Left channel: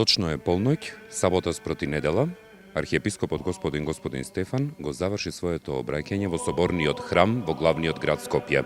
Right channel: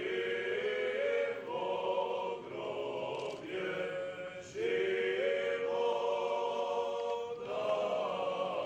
Точно е полноќ, сабота спроти недела, архиепископот господин Стефан го заврши своето обраќање во соборниот храм во главниот град Скопје.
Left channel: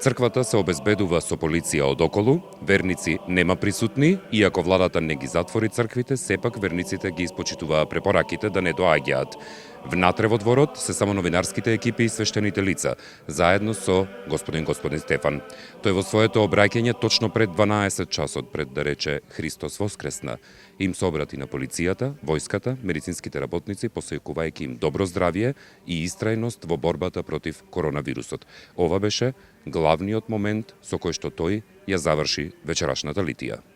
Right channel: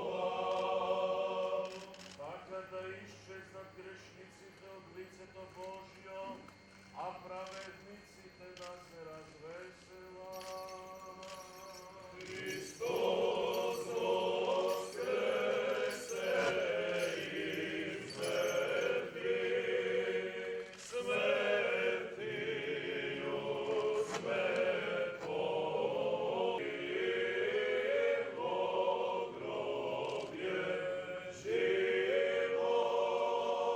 Црквата се обезбедува со полиција одоколу, верници нема присутни, иако владата не ги затвори црквите, сепак верниците ги испочитуваа препораките да не доаѓаат. Внатре во дворот се само новинарските екипи и свештените лица, заедно со господин Стефан. Тој во своето обраќање точно пред 12 часот пред да рече Христос воскресна, им се обрати на полицијата, војската, медицинските работници, посејкувајќи им добро здравје и истрајност во борбата против коронавирусот. Ова беше главниот момент со кој што тој ја заврши вечерашната литија.